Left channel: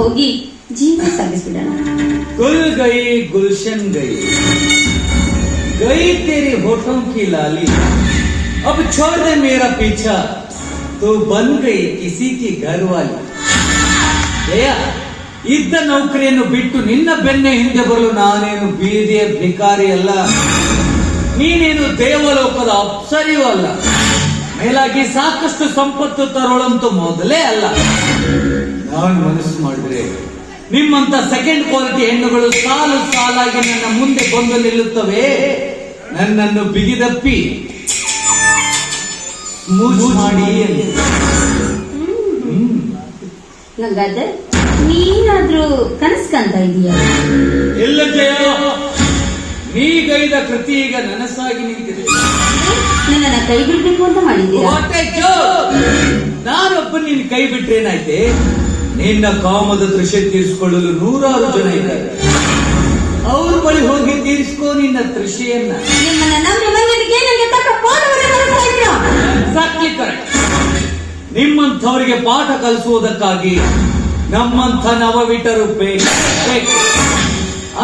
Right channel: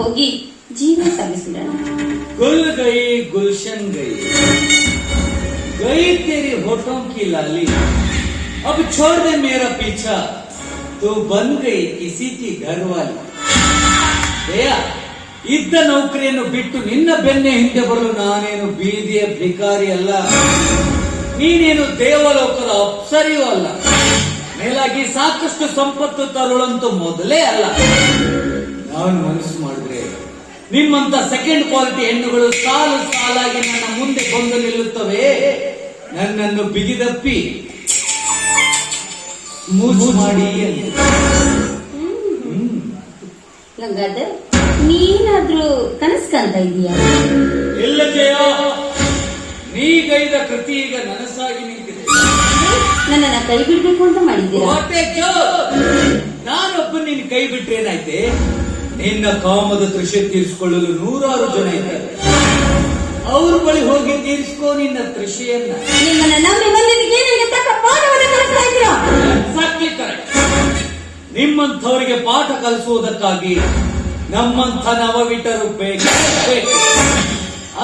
ಹೋಗಿ ಜೀವನ ಸಾಗಿಸಿದನು. गुल गई गुलशन गई, गई तेरी होठों की लाली, अब छोड़ दे मेरा पीछा, तू बन गई किसी की घरवाली. ಜಯ, ಇದ್ದ ನೌಕರಿಯನ್ನು ಬಿಟ್ಟು ನಿನ್ನ ಬೆನ್ನೆ ಹಿಂದೆ ಬರಲು ನಾನೇನು ಬೀದಿಯ ಭಿಕಾರಿ ಅಲ್ಲ, ನೀನೇನು ದೇವಲೋಕದ ಅಪ್ಸರಿಯೂ ಅಲ್ಲ, ಮೇಲಾಗಿ ಸಾಕಷ್ಟು ಸಂಪತ್ತು ತರೋಳಂತೂ ಮೊದಲೇ ಅಲ್ಲ. ನಾನು ಮನಸ್ಸು ಮಾಡಿದ್ರೆ ನಿಮ್ಮಂತ ಸೆಕೆಂಡ್ ಕ್ವಾಲಿಟಿ ಹೆಣ್ಣುಗಳು ಸಾಲು ಸಾಲಾಗಿ ನನ್ನ ಮುಂದೆ ಬಂದು ನಿಲ್ಲುತ್ತವೆ. ನನ್ನನ್ನು ಬಿಗಿದಪ್ಪಿ ಮೂಜು ಮಾಡಿ. ಗಂಗಾಧರ್, ನೀನಾದ್ರೂ ಕನಸು ಕಾಣ್ತಾ ಇದೀಯಾ? ಎಲ್ಲ ಜಯ, ನೀಗೈದ ಕೃತಿ ಈಗ ನನಸಾಗಿ ನಿಂತಿದೆ. ನನ್ನನ್ನ ಕೈ ಬಿಡ್ಬೇಕು ಅಂತ ಮಾಡಿದ್ದೀರಾ? ನಾನೊಬ್ಬ ನಿನ್ನ ಕೈ ಬಿಟ್ರೇನಾಯ್ತೆ? ನಿನ್ನ ಕಾಮದ ತೃಷೆ ತೀರಿಸಿಕೊಳ್ಳಲು 100 ಜನ ಇದ್ದಾರೆ. ಅವ್ರ ಬಳಿ ಹೋಗಿ ತೀರಿಸ್ಕೋ ನಿನ್ನ ತೃಷೆಯನ್ನ. Exactly correct. ನಿಮ್ಮಂಥವರಿಗೆ ಪಾಠ ಕಲಿಸುವುದಕ್ಕಾಗಿ ನಮ್ಮಂಥ ನವವಿಟರು ಬೇಕು.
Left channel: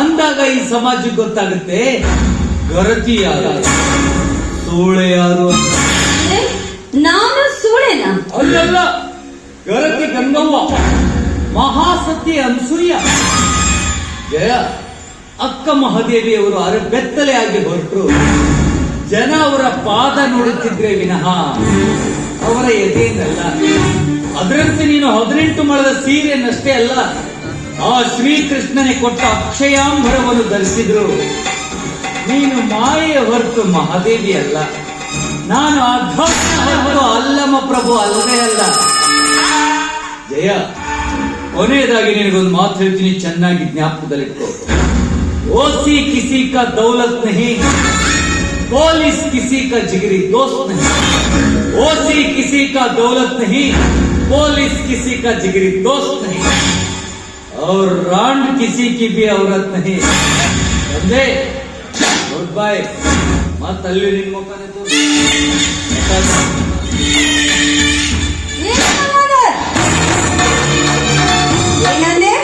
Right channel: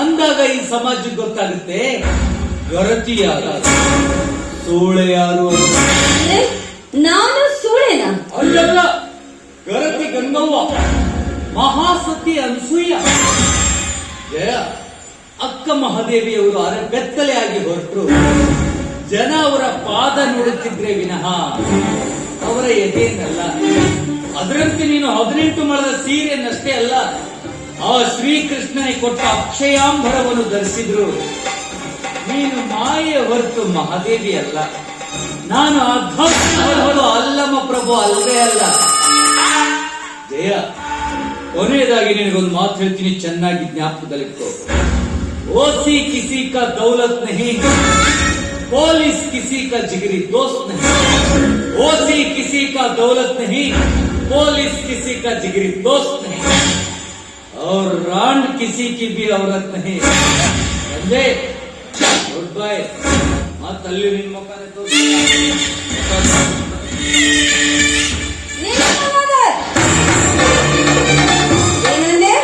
ಅಂದಾಗ ಈ ಸಮಾಜಕ್ಕೆ ಗೊತ್ತಾಗುತ್ತೆ ಗರತಿ ಯಾರು, ಸೂಳೆ ಯಾರು. ನಾನು ಸೂಳೆನಾ? ಅಲ್ಲಲ್ಲ, ಗರತಿ ಗಂಗವ್ವ, ಮಹಾಸತಿ ಅನ್ಸೂಯ. ಜಯ, ಅಕ್ಕ ಮಹಾದೇವಿಯವರು ಬೆತ್ತಲೆಯಾಗಿ ಹೊರಟರು. ಜನ ಅವರ ಪಾದ ನೋಡುತ್ತಿದ್ರೆ ವಿನಃ ಅವರ ಎದೆಯನ್ನಲ್ಲ. ಅದರಂತೆ ನೀನು 18 ಮೊಳದ ಸೀರೆಯನ್ನಷ್ಟೇ ಅಲ್ಲ, ಆ ಶ್ರೀಕೃಷ್ಣನೇ ಕೊಟ್ಟ ಅಕ್ಷಯಾಂಬರವನ್ನು ಧರಿಸಿದ್ರು. ನೀನು ಮಾಯೆಯ ಹೊರತು ಮಹಾದೇವಿ ಅಲ್ಲ. ನಾನು ಅಧ್ಯಾತ್ಮ ಅಲ್ಲಮ ಪ್ರಭು ಅಲ್ಲವೇ ಅಲ್ಲ. ಜಯ, ಕೊನೆಯದಾಗಿ ನಿನಗೊಂದು ಮಾತು ಹೇಳ್ತೀನಿ, ಚೆನ್ನಾಗಿ ಜ್ಞಾಪಕದಲ್ಲಿಟ್ಟು. ಓಸಿ ಕಿಸಿ ಕಾ ದೌಲತ್ ನಹಿ, ಪೊಲೀಸ್ ಕಿಸಿ ಕಾ ಜಿಗರಿ ದೋಸ್ತ್ ನಹಿ. ಓಸಿ ಕಿಸಿ ಕಾ ದೌಲತ್ ನಹಿ, ಪೊಲೀಸ್ ಕಿಸಿ ಕಾ ಜಿಗರಿ ದೋಸ್ತ್ ನಹಿ, और रांड किसी की भी औरत नहीं. समझे? Goodbye. मत अल्ली निन मुखने तो ಏನಂದೆ?